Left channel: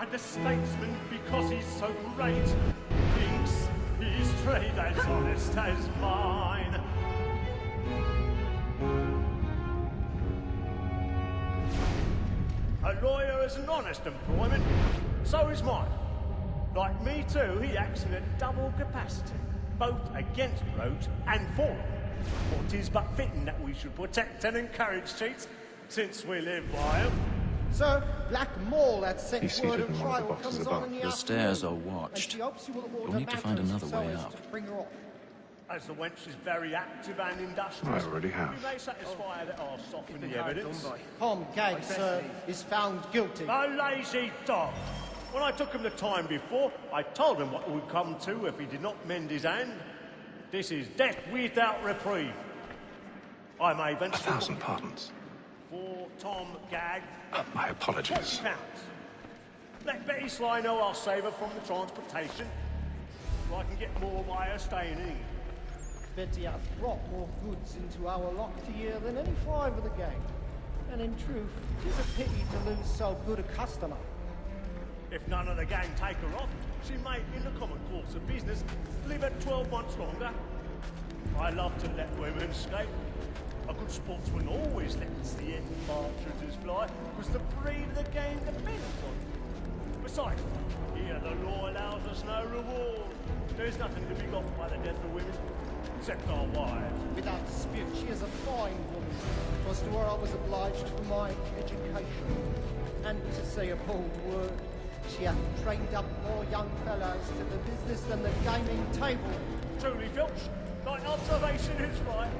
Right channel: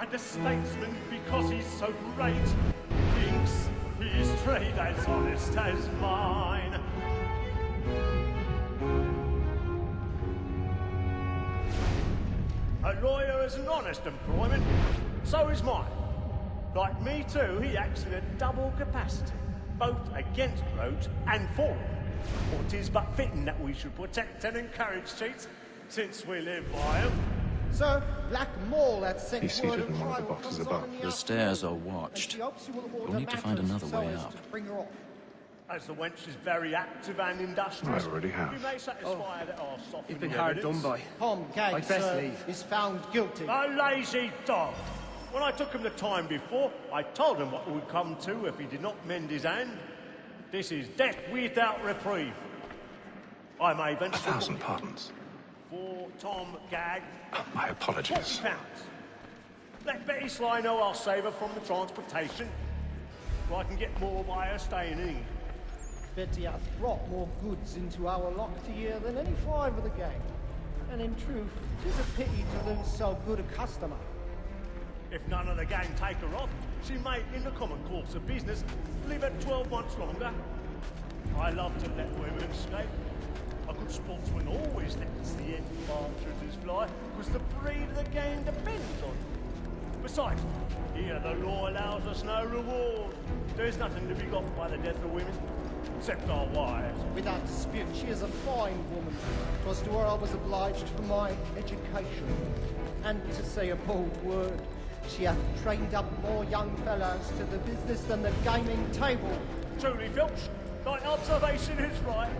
And a statesman, because he's so great, thinks his trade as honest as mine. A lawyer is an honest employment, so is mine. Like me too, he acts in a double capacity, both against rogues and for them. It is but fitting that we should protect and encourage cheats, since we live by them. Sir, Black Mole had sent He's seated in one of the boxes above. The stairs are watched. We'll need to find another way up. As the wench is very active and industrious, I already have. you may satisfy her that I'll soften He's been the hard evidence. done by. Tom Gag, sir, is found guilty. A lazy dog! When I took him the time before, I told him what would come to if he did not mend his hand. This is death without reprieve. I may venture... 1,000 pardons. For Tom Gag... My apologies. £40. Let Betty Sly know I'll save her from the transportation, so I can get more by her staying in. Betty has brought more goods into our locked year than any 5 of the gang. And in truth, 'tis a pity to lose so good a customer. If none of the gang take her off, she may, in the common course of business, live at 12 months longer. I love to let women escape. A good sportsman always lets the end partridges fly, because the breed of the game depends on it. Besides, here the law allows us no reward. There's nothing to be got by the death of women, except our wives. Without dispute, she is a fine woman. 'Twas to her I was obliged for my education. And to say a bold word, she hath trained up more young fellows to the business than the gaming table. Truly, Filch, thy observation is right.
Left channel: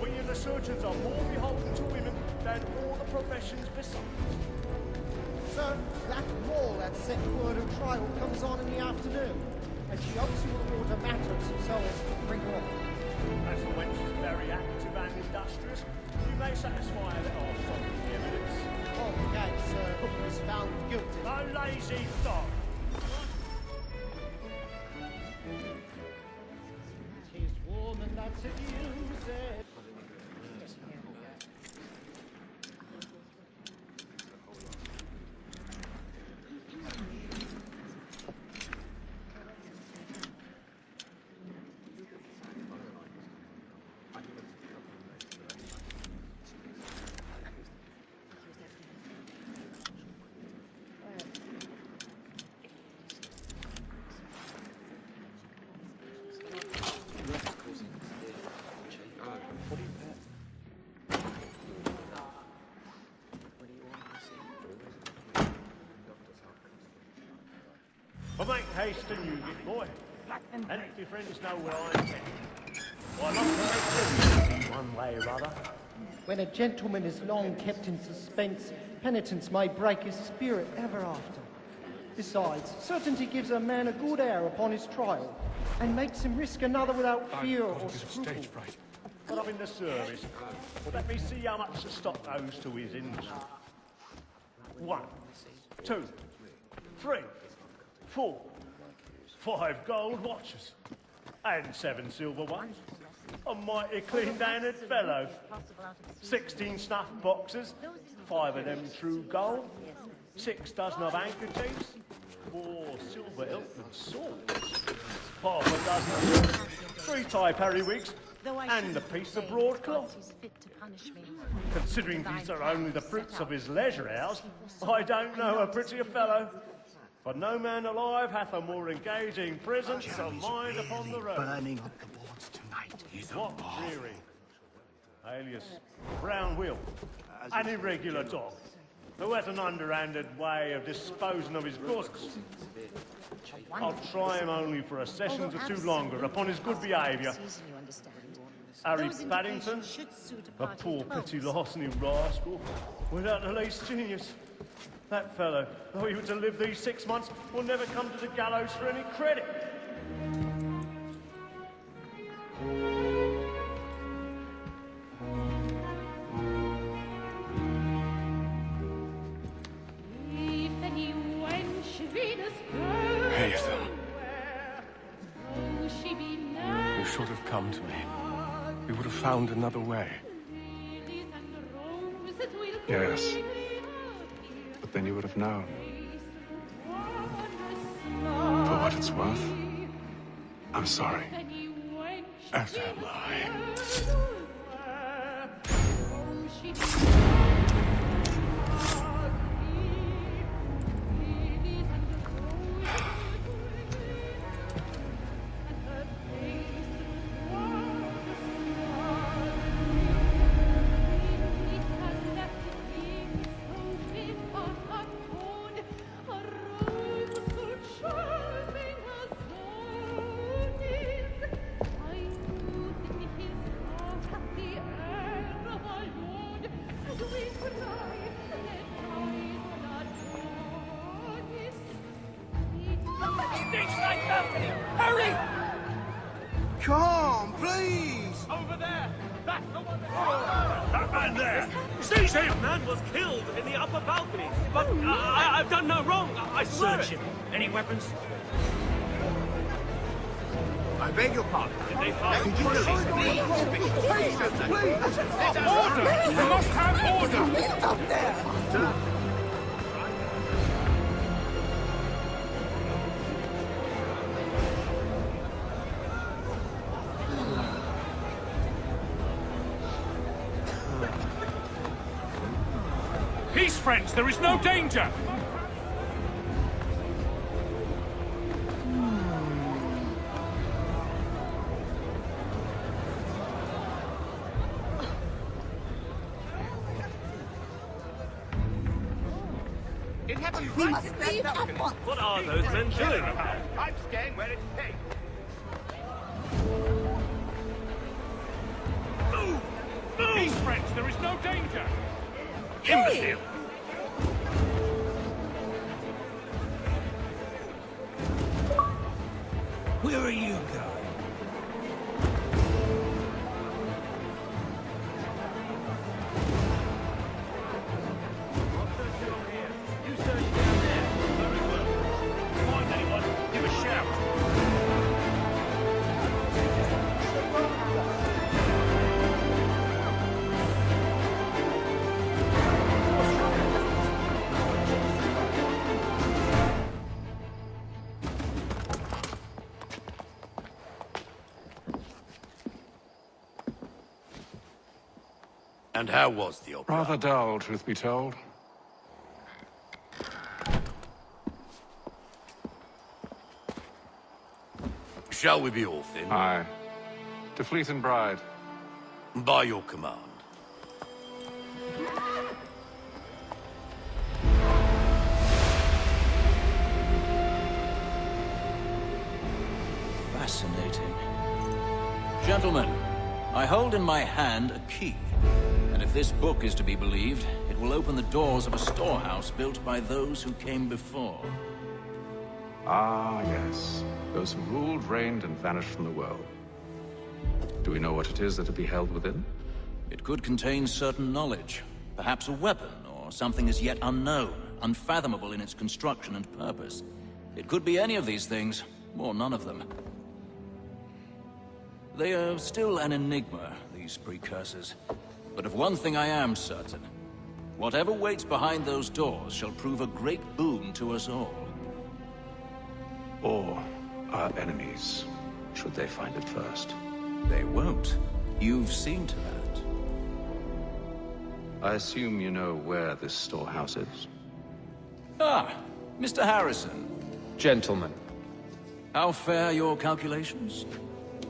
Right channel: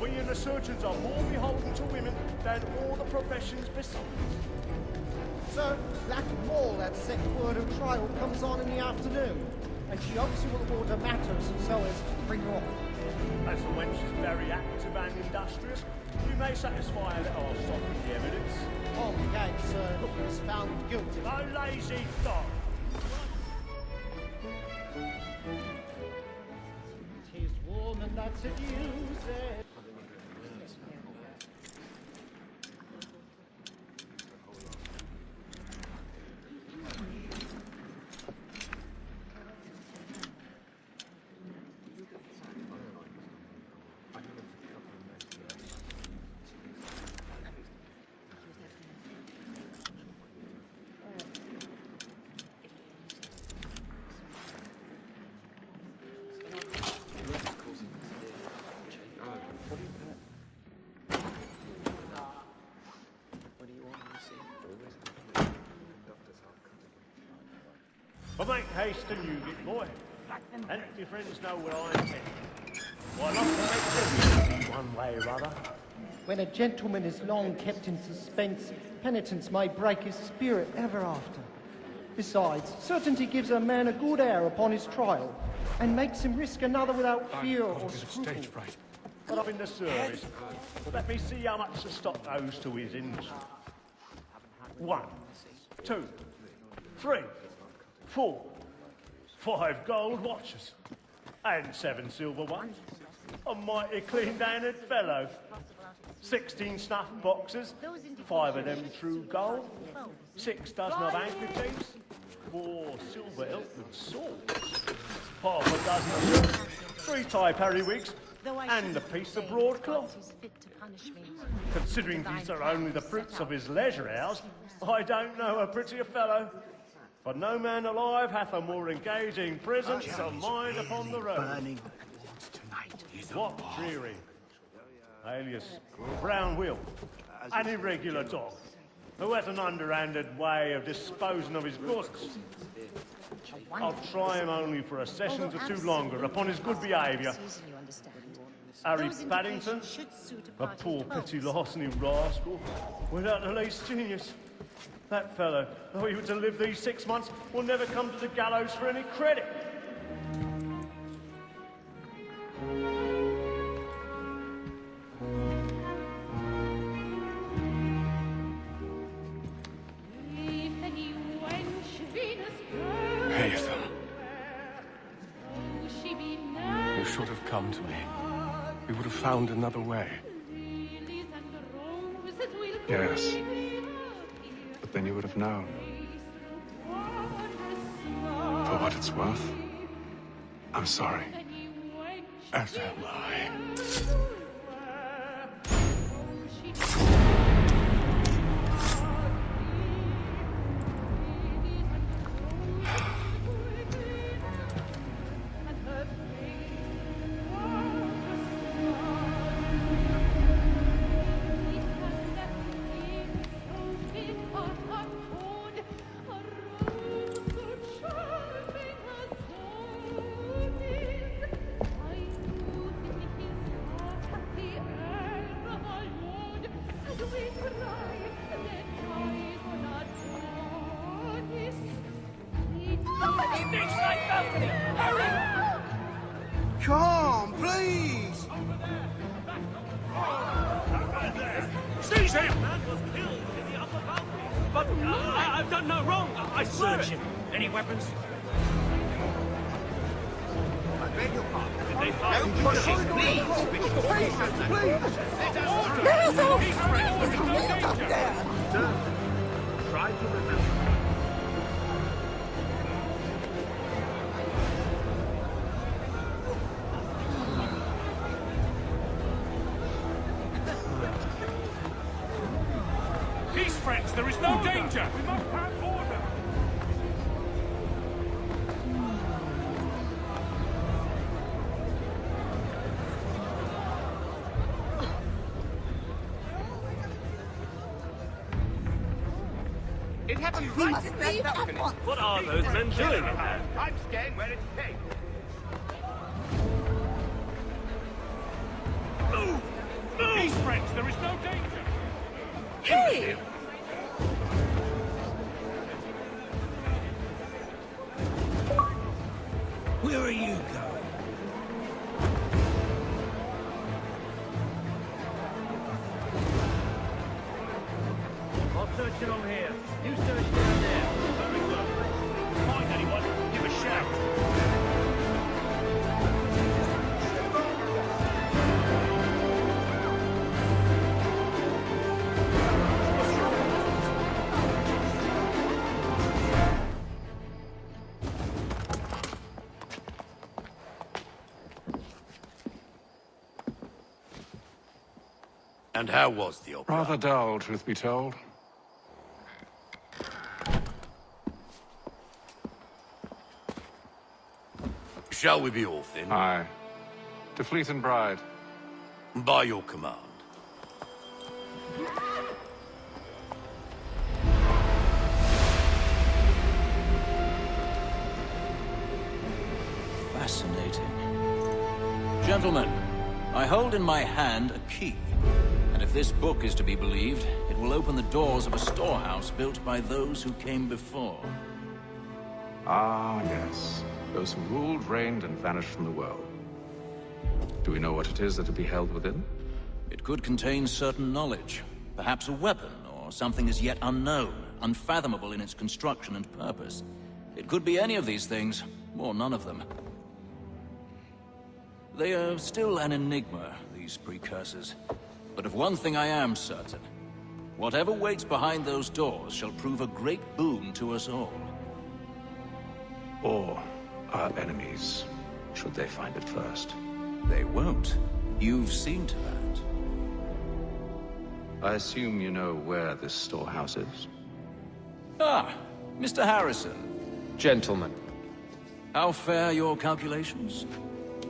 We and the surgeons are more beholden to women than all the professions besides. Sir, Black Mole had set word of trial comes on in the afternoon, and she hopes you will order matters so as to bring her off. As the wench is very active and industrious, you may satisfy her that I'll stop the evidence. Oh, that, sir, is found guilty. A lazy dog. 'Tis woman that's accused. But make haste and you get boy. And let your friends know where I'm headed. Why not make this one way or other? When a gentleman is long kept in suspense, penitence may break his spirit ever after. Besides, certainty gives a man a good air upon his trial, and makes him risk another without fear or scruple. Stage fright. But I'm in the service. Let me see how much the stock owes to his industry. 1, 2, 3, 4, 5 gold watches, and 7 silver ones. A mighty clean-handed fellow. 16 snuff boxes, 5 of them through gold, 6 dozen of handkerchiefs, 4 silver Elton swords, half a dozen, 3 tie periwigs, and a piece of broadcloth. Considering these are only the fruits of his leisure hours, I don't know a prettier fellow. For no man alive hath a more engaging presence of mind upon the road. Burning. What dreary, alias Brown Will, an irregular dog, who has an underhanded way of disposing of his goods. I'll try him only for a session or 2 longer upon his good behaviour. Harry Paddington, a poor petty larceny rascal, without the least genius. That fellow, though he were to live these 6 months, will never come to the gallows for any credit. Haytham. You should have come to me. We would have found another way. Yes. But then you would have known. what it's worth. I'm sorry. As am I. Stage-side balcony! Hurry! Carl, please! Over there! That's the one That man there! Seize him! The man was killed in the upper balcony. Oh, my! I've done no wrong. I beg your pardon. Did they find the For killing? corridor is closed. Patience, please! Order! We must have order! Get up there! Peace, friends! There is no danger! It happened right in that balcony. What are those men doing in there? Move! Move! Hey! Where are you going? I'll search it on here. You search down there. Very well. If you find anyone, give a shout. And how was the opera? Rather dull, truth be told. Shall we be off then? Aye. To Fleet and Bride. By your command. Fascinating. Gentlemen, I hold in my hand a key. And if this book is to be believed, it will open the doors of a storehouse built by those who came before. Ah, yes. Those who ruled, reigned, and vanished from the world. Do we know what it is that will be held within? It could contain certain knowledge. Perhaps a weapon, or something as yet unknown, unfathomable in its construction and purpose. It could be any of these things, or none of them. They are still an enigma, these precursors. But of one thing I am certain. Whatever waits behind those doors shall prove a great boon to us all. Or our enemies, should they find it first. They won't. You've seen to that. I assume you know where this storehouse is? Ah, Mr. Harrison. Gentlemen, How fare your calculations?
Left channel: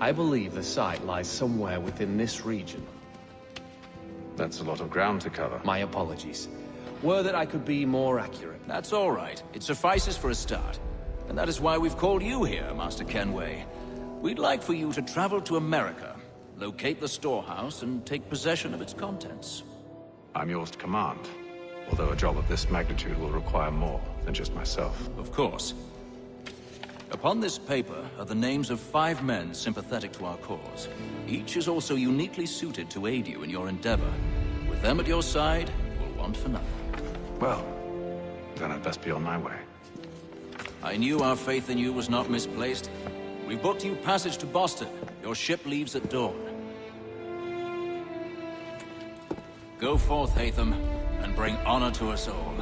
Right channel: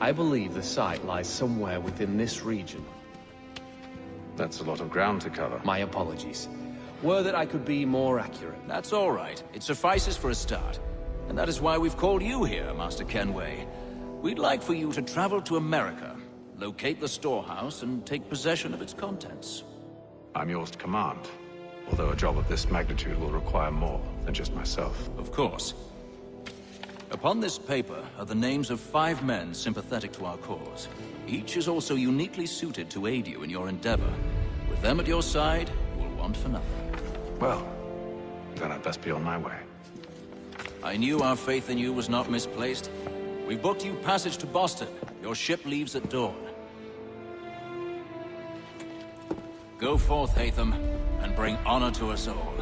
I believe the site lies somewhere within this region. That's a lot of ground to cover. My apologies. Were that I could be more accurate. That's all right. It suffices for a start. And that is why we've called you here, Master Kenway. We'd like for you to travel to America, locate the storehouse, and take possession of its contents. I'm yours to command, although a job of this magnitude will require more than just myself. Of course. Upon this paper are the names of 5 men sympathetic to our cause. Each is also uniquely suited to aid you in your endeavor. With them at your side, you will want for nothing. Well, then I'd best be on my way. I knew our faith in you was not misplaced. We've booked you passage to Boston. Your ship leaves at dawn. Go forth, Hatham, and bring honor to us all.